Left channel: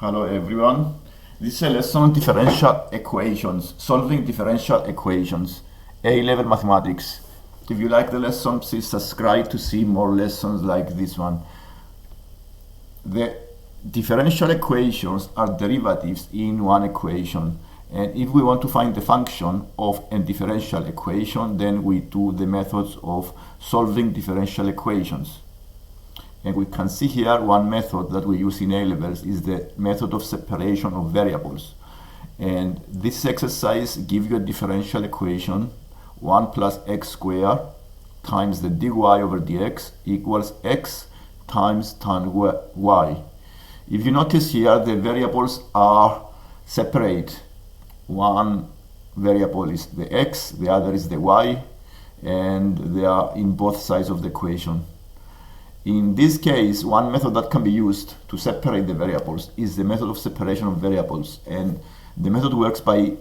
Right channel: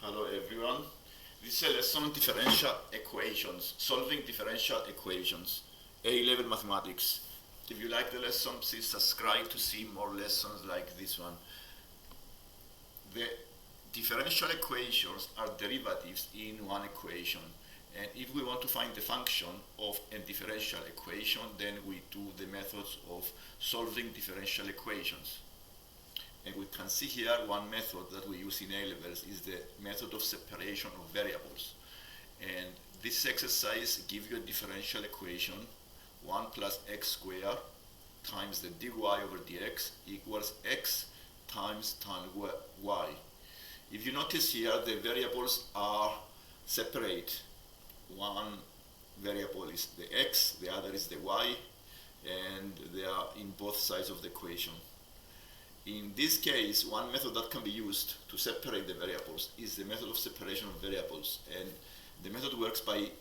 Hello everyone. This is a lesson on differential equations, solving differential equations, A-level mathematics. If you like the lesson, please subscribe to see more lessons like this one. The differential equations are derivatives in one equation. And if we want to find the function of a differential equation, then we do the methods of solving differential equations. And we can see here one method that we use in A-levels is the method of separation of variables. And this exercise gives you a differential equation, 1 plus x squared times the dy over dx equals x times tan y. If you notice here, the variables are separate. One variable is the x, the other is the y, and they are in both sides of the equation. In this case, one method that can be used to separate the variables is the method of separation of variables. And the method works by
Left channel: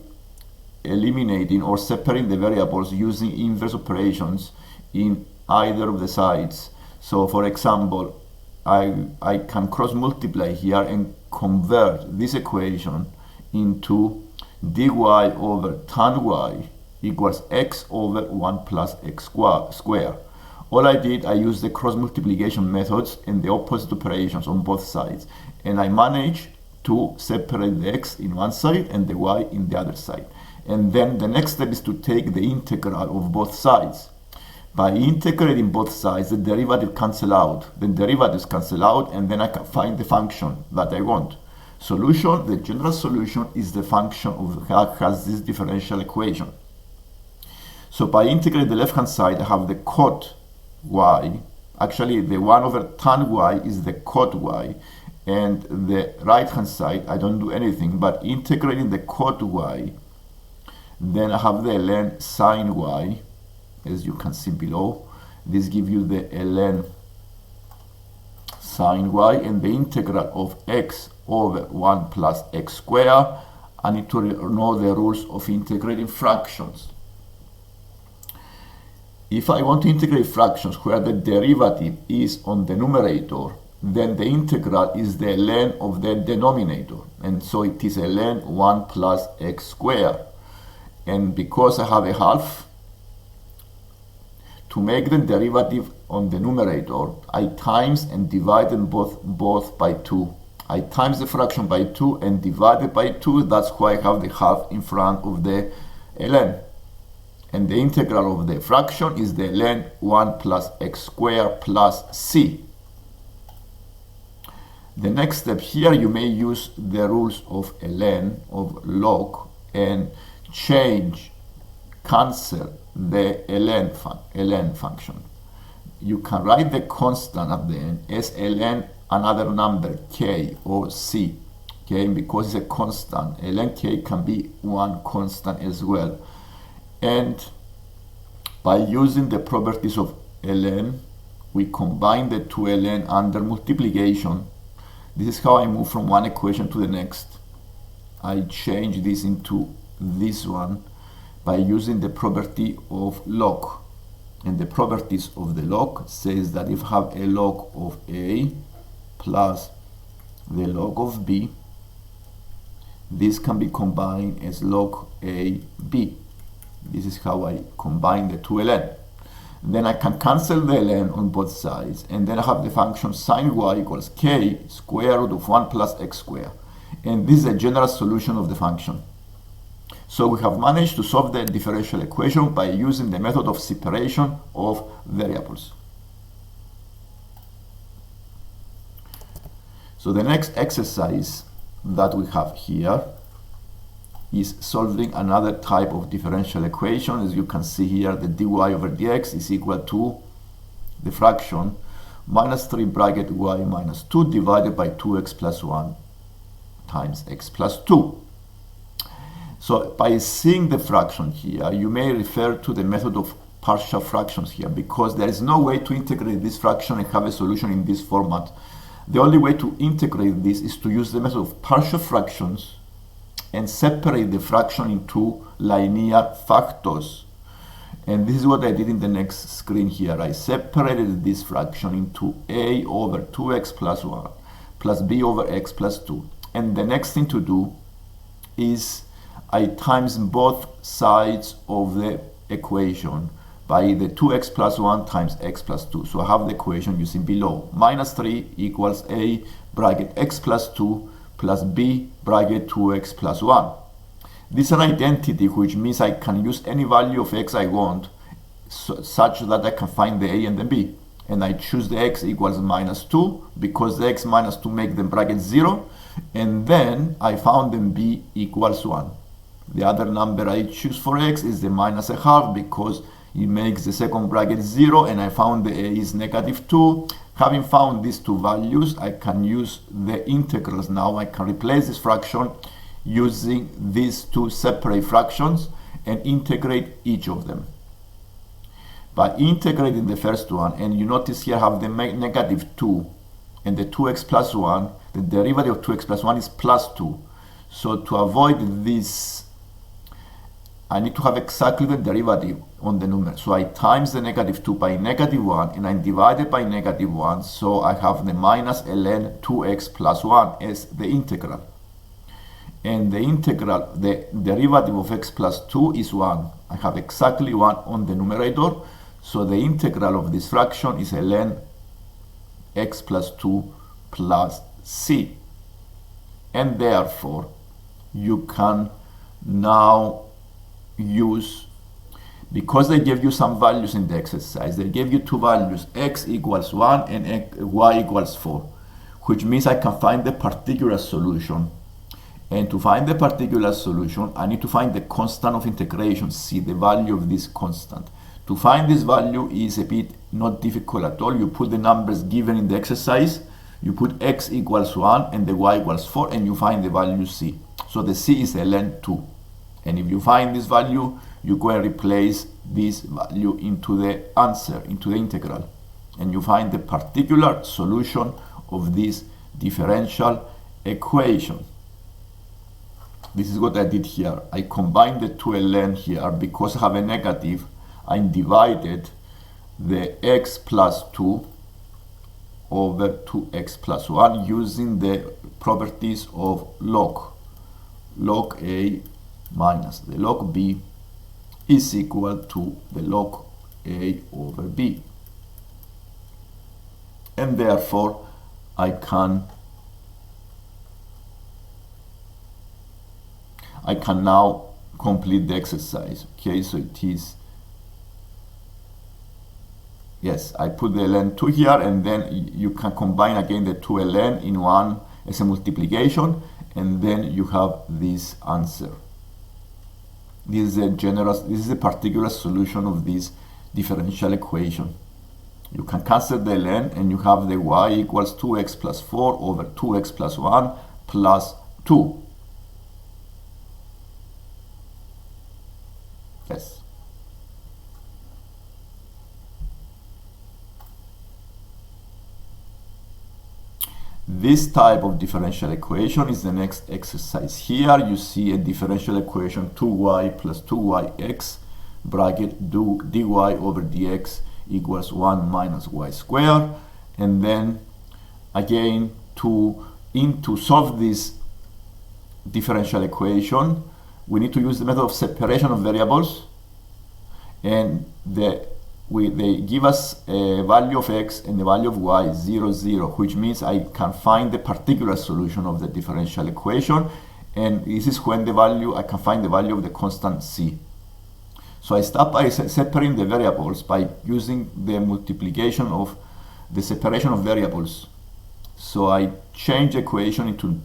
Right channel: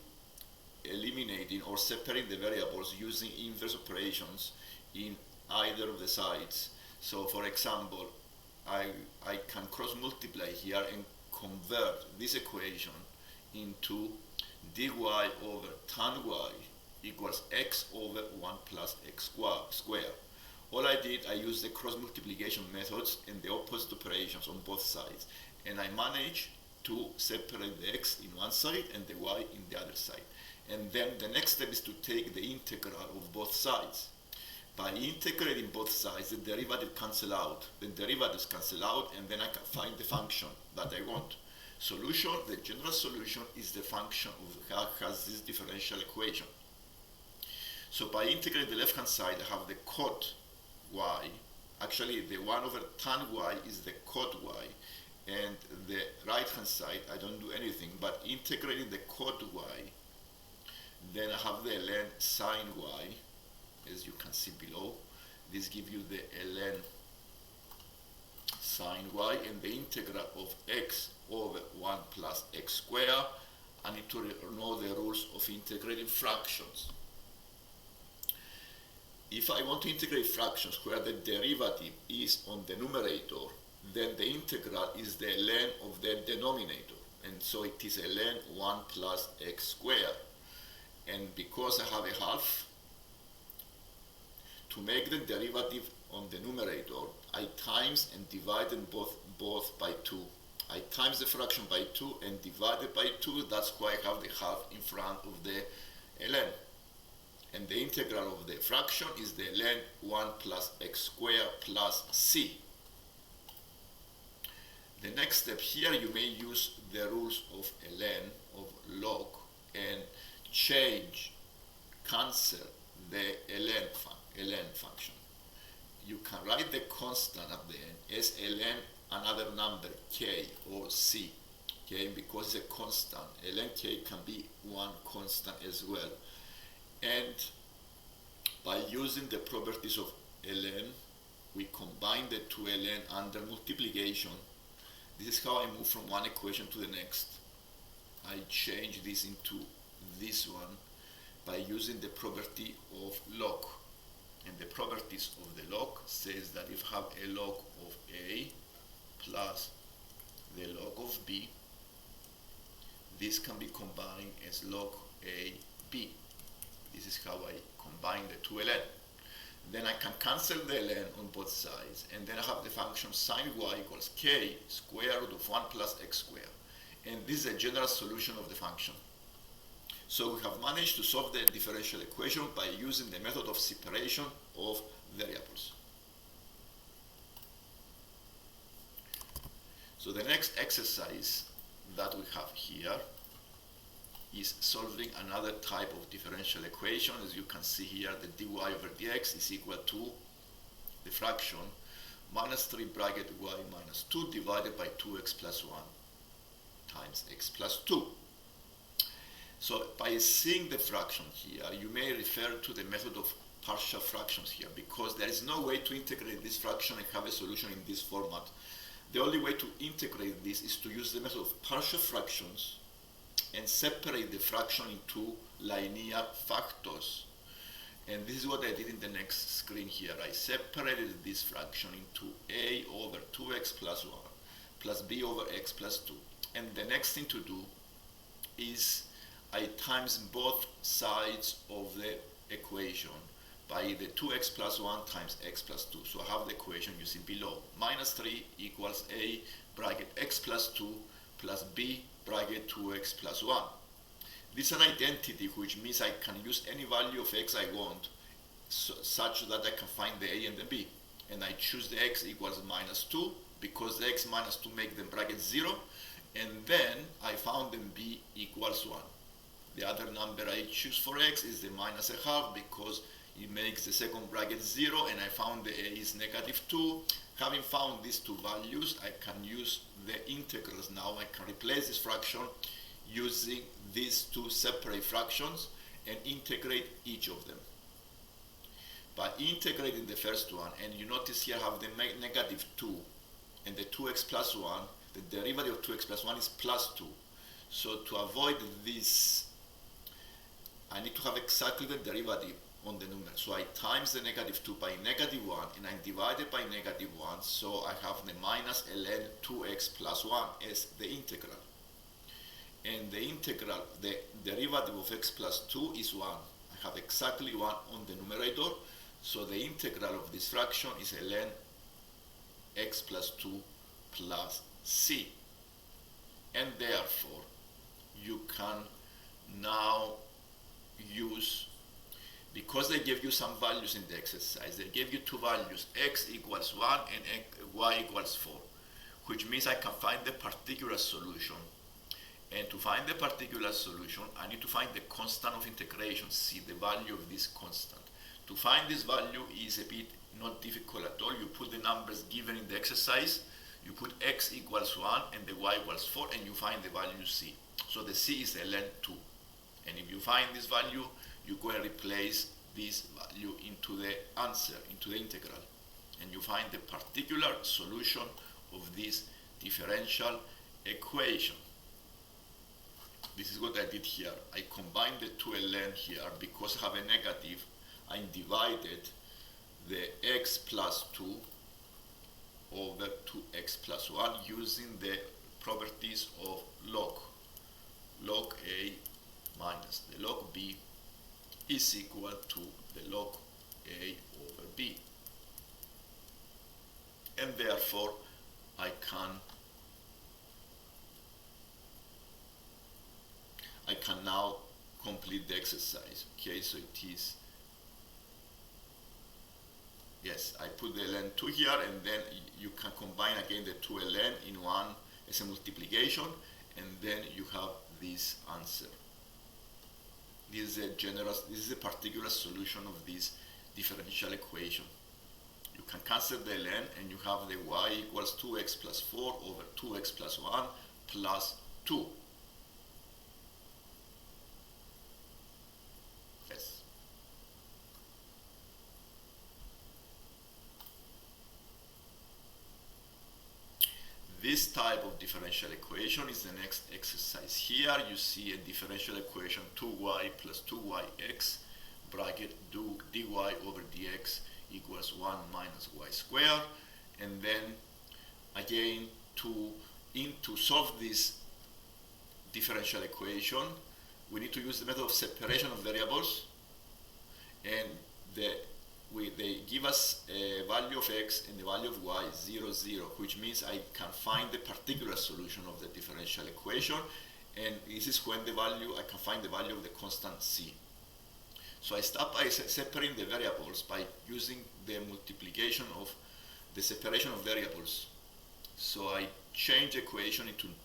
eliminating or separating the variables using inverse operations in either of the sides. So for example, I can cross multiply here and convert this equation into dy over tan y equals x over 1 plus x squared. All I did, I used the cross multiplication methods and the opposite operations on both sides. And I managed to separate the x in one side and the y in the other side. And then the next step is to take the integral of both sides. By integrating both sides, the derivative cancel out. The derivatives cancel out, and then I can find the function that I want. Solution, the general solution is the function of that has this differential equation. So by integrating the left-hand side, I have the cot y. Actually, the 1 over tan y is the cot y, and the right hand side I don't do anything but integrating the cot y. Then I have the ln sine y, as you can see below. This gives you the ln sine y, and the integral of x over 1 plus x squared. I need to know the rules of integrating fractions. If I want to integrate fractions where the derivative is on the numerator, then the integral is the ln of the denominator. And so it is ln 1 plus x squared. And because I have a half, to make the derivative on the numerator, I times and divide them both by 2. I times the fraction by 2 and divide it by 2. That's why I have the half in front of the ln. And the integral of the fraction is the ln 1 plus x squared plus c. The next step here, you may use the rules of ln, of log, and cancel the ln function. You can write the constant at the end as ln another number k or c. Okay, and because it's a constant, ln k can be one constant as well. And by using the properties of ln, we combine the two ln under multiplication. This is how I move from one equation to the next. I change this into this one by using the property of log. And the properties of the log says that if I have a log of a plus the log of b, this can be combined as log a b. This is how I combine the two ln. Then I can cancel the ln on both sides, and then I have the function sine y equals k square root of 1 plus x squared. And this is a general solution of the function. So we have managed to solve the differential equation by using the method of separation of variables. So the next exercise that we have here is solving another type of differential equation. As you can see here, the dy over dx is equal to the fraction minus 3 bracket y minus 2 divided by 2x plus 1 times x plus 2. So by seeing the fraction here, you may refer to the method of partial fractions here, because there is no way to integrate this fraction and have a solution in this format. The only way to integrate this is to use the method of partial fractions and separate the fraction into linear factors. And this is what I did in the next screen here. I separated this fraction into a over 2x plus 1 plus b over x plus 2. And the next thing to do is I times both sides of the equation by the 2x plus 1 times x plus 2. So I have the equation you see below. Minus 3 equals a bracket x plus 2 plus b bracket 2x plus 1. This is an identity, which means I can use any value of x I want, such that I can find the a and the b. And I choose the x equals minus 2 because the x minus 2 make the bracket 0. And then I found the b equals 1. The other number I choose for x is the minus a half because it makes the second bracket 0, and I found the a is negative 2. Having found these two values, I can use the integrals now. I can replace this fraction using these two separate fractions and integrate each of them. By integrating the first one, and you notice here I have the negative 2 and the 2x plus 1, the derivative of 2x plus 1 is plus 2. So to avoid this, I need to have exactly the derivative on the numerator. So I times the negative 2 by negative 1, and I divide it by negative 1, so I have the minus ln 2x plus 1 as the integral. And the integral, the derivative of x plus 2 is 1. I have exactly 1 on the numerator, so the integral of this fraction is ln x plus 2 plus c. And therefore, you can now use, because they gave you some values in the exercise, they gave you two values, x equals 1 and y equals 4, which means I can find the particular solution. And to find the particular solution, I need to find the constant of integration, c, the value of this constant. To find this value is a bit not difficult at all. You put the numbers given in the exercise, you put x equals 1 and the y equals 4, and you find the value c. So the c is ln 2. And if you find this value, you go and replace this value into the answer, into the integral. And you find the particular solution of this differential equation. This is what I did here. I combined the two ln here because I have a negative. I divided the x plus 2 over 2x plus 1 using the properties of log. Log a minus the log b is equal to the log a over b. And therefore, I can now complete the exercise. Okay, so it is, yes, I put the ln 2 here, and then you can combine again the 2 ln in one as a multiplication, and then you have this answer. This is a particular solution of this differential equation. You can cancel the ln, and you have the y equals 2x plus 4 over 2x plus 1 plus 2. Yes. This type of differential equation is the next exercise. Here you see a differential equation 2y plus 2yx bracket dy over dx equals 1 minus y squared. And then again, to solve this differential equation, we need to use the method of separation of variables, and they give us a value of x and the value of y 0, 0, which means I can find the particular solution of the differential equation, and this is when I can find the value of the constant c. So I start by separating the variables by using the multiplication of the separation of variables. So I change the equation into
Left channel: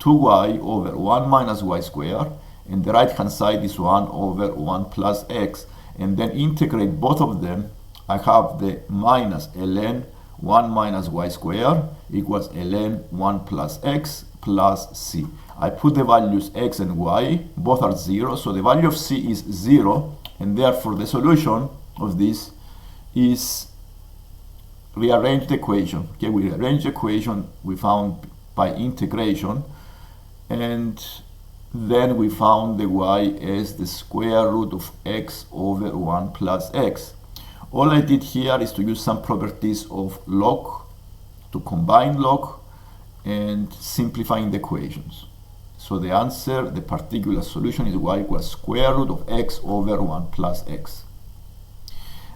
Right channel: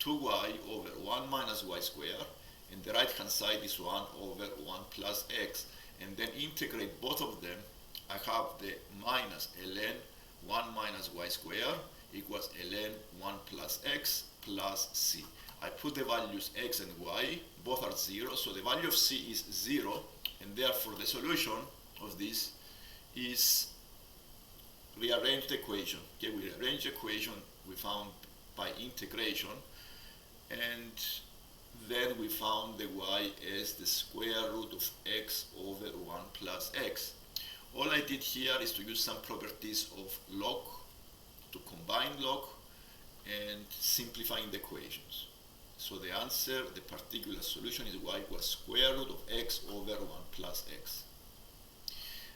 2y over 1 minus y squared, and the right hand side is 1 over 1 plus x, and then integrate both of them. I have the minus ln 1 minus y squared equals ln 1 plus x plus c. I put the values x and y, both are 0, so the value of c is 0, and therefore the solution of this is rearrange the equation. Okay, we rearrange the equation we found by integration, and then we found the y as the square root of x over 1 plus x. All I did here is to use some properties of log, to combine log, and simplifying the equations. So the answer, the particular solution, is y equals square root of x over 1 plus x.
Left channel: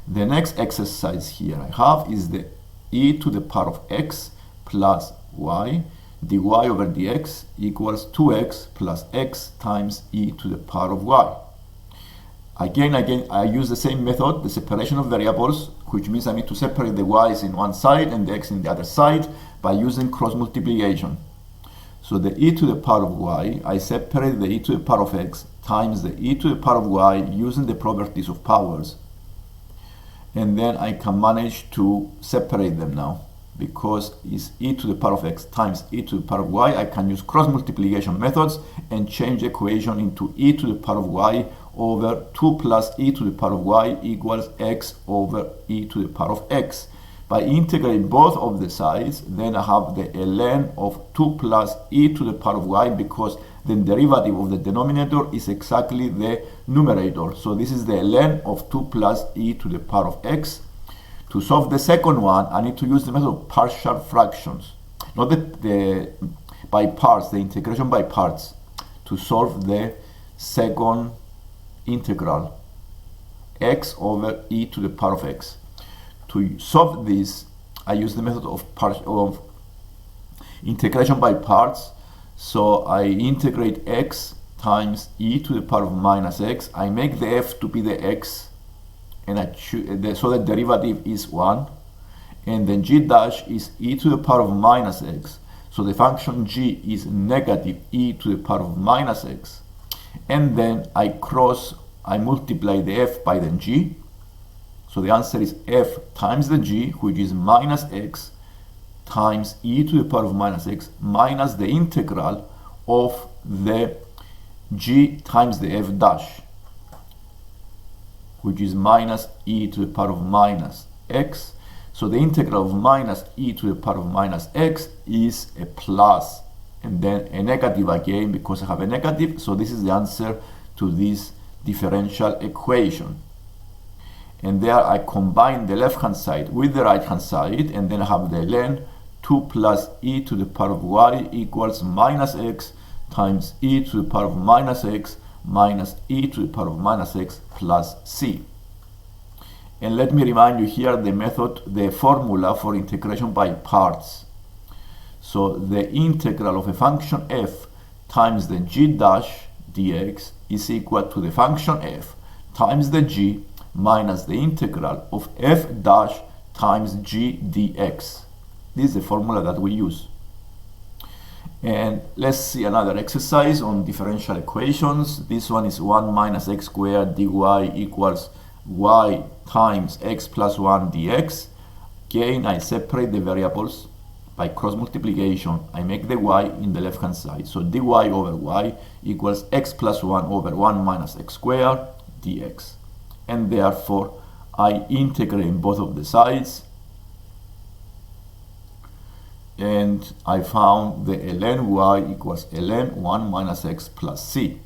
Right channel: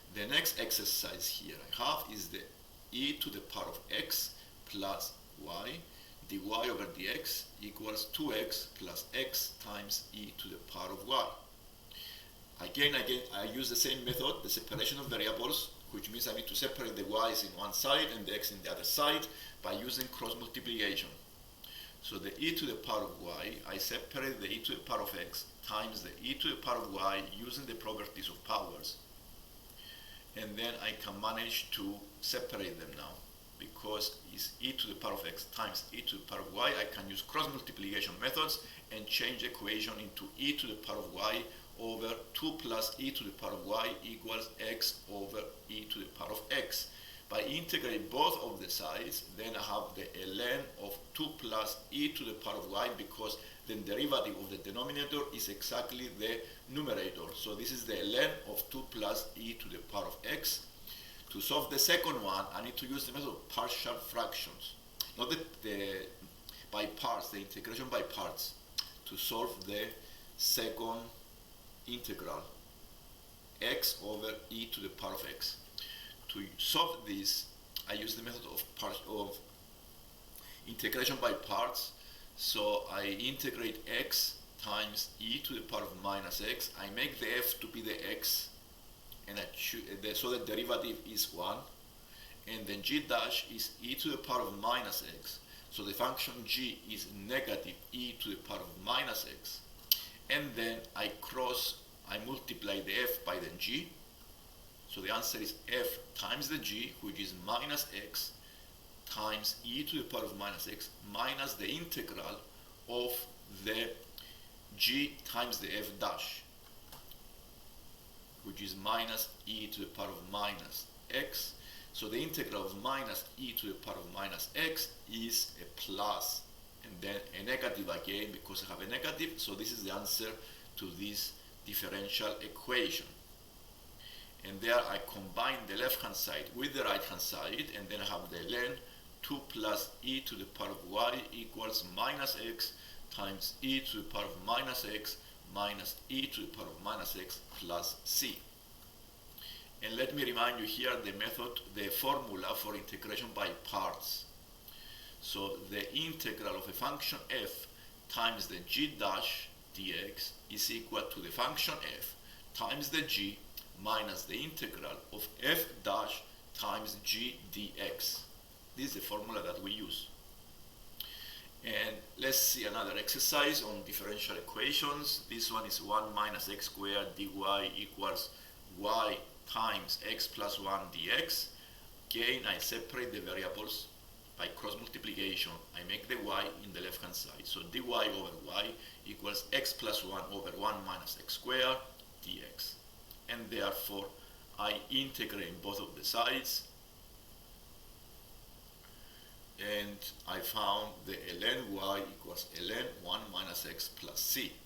The next exercise here I have is the e to the power of x plus y dy over dx equals 2x plus x times e to the power of y. Again, I use the same method, the separation of variables, which means I need to separate the y's in one side and the x in the other side by using cross multiplication. So the e to the power of y, I separate the e to the power of x times the e to the power of y using the properties of powers. And then I can manage to separate them now. Because it's e to the power of x times e to the power of y, I can use cross multiplication methods and change the equation into e to the power of y over 2 plus e to the power of y equals x over e to the power of x. By integrating both of the sides, then I have the ln of 2 plus e to the power of y, because the derivative of the denominator is exactly the numerator. So this is the ln of 2 plus e to the power of x. To solve the second one, I need to use the method of partial fractions, not the by parts, the integration by parts, to solve the second integral, x over e to the power of x. To solve this, I use the method of integration by parts. So I integrate x times e to the power of minus x. I make the f to be the x, and so the derivative is 1, and then g dash is e to the power of minus x. So the function g is negative e to the power of minus x. And then I multiply the f by the g. So the answer is f times the g, which is minus x times e to the power of minus x minus the integral of the g times the f dash, which is minus e to the power of minus x. So the integral of minus e to the power of minus x is a plus, and then a negative again because I have a negative. So this is the answer to this differential equation. And there I combine the left hand side with the right hand side, and then I have the ln 2 plus e to the power of y equals minus x times e to the power of minus x minus e to the power of minus x plus c. And let me remind you here the method, the formula for integration by parts. So the integral of a function f times the g dash dx is equal to the function f times the g minus the integral of f dash times g dx. This is the formula that we use. And let's see another exercise on differential equations. This one is 1 minus x squared dy equals y times x plus 1 dx. Again, I separate the variables by cross multiplication. I make the y in the left hand side. So dy over y equals x plus 1 over 1 minus x squared dx. And therefore, I integrate in both of the sides. And I found the ln y equals ln 1 minus x plus c.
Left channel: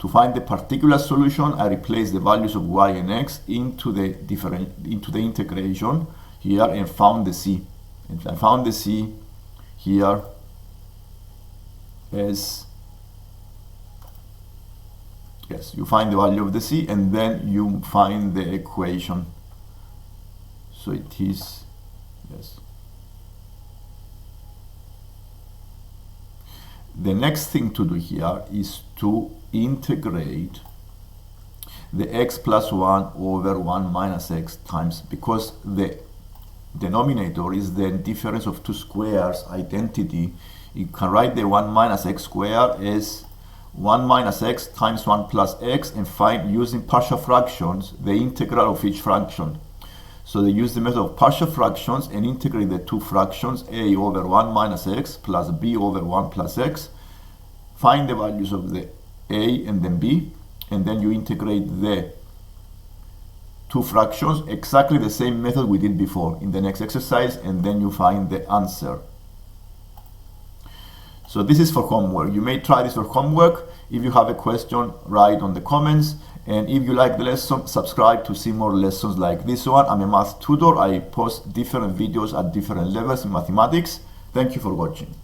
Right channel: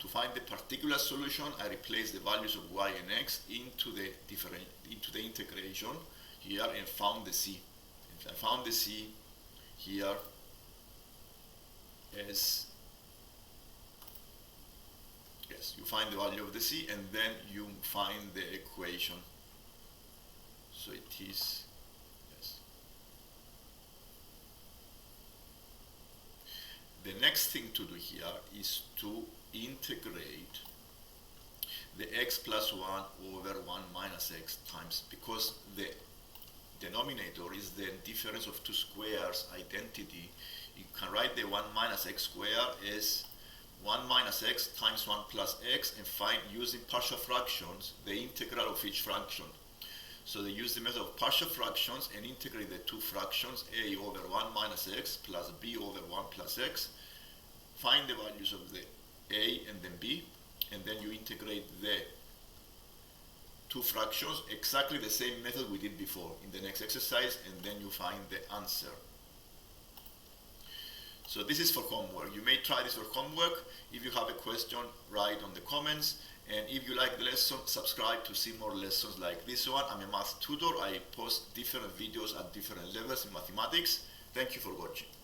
To find the particular solution, I replace the values of y and x into the integration here and found the c. And I found the c here as, yes, you find the value of the c and then you find the equation. So it is, yes. The next thing to do here is to integrate the x plus 1 over 1 minus x times, because the denominator is the difference of two squares identity. You can write the 1 minus x squared as 1 minus x times 1 plus x and find, using partial fractions, the integral of each fraction. So they use the method of partial fractions and integrate the two fractions, a over 1 minus x plus b over 1 plus x. Find the values of the a and then b, and then you integrate the two fractions, exactly the same method we did before in the next exercise, and then you find the answer. So this is for homework. You may try this for homework. If you have a question, write on the comments. And if you like the lesson, subscribe to see more lessons like this one. I'm a math tutor. I post different videos at different levels in mathematics. Thank you for watching.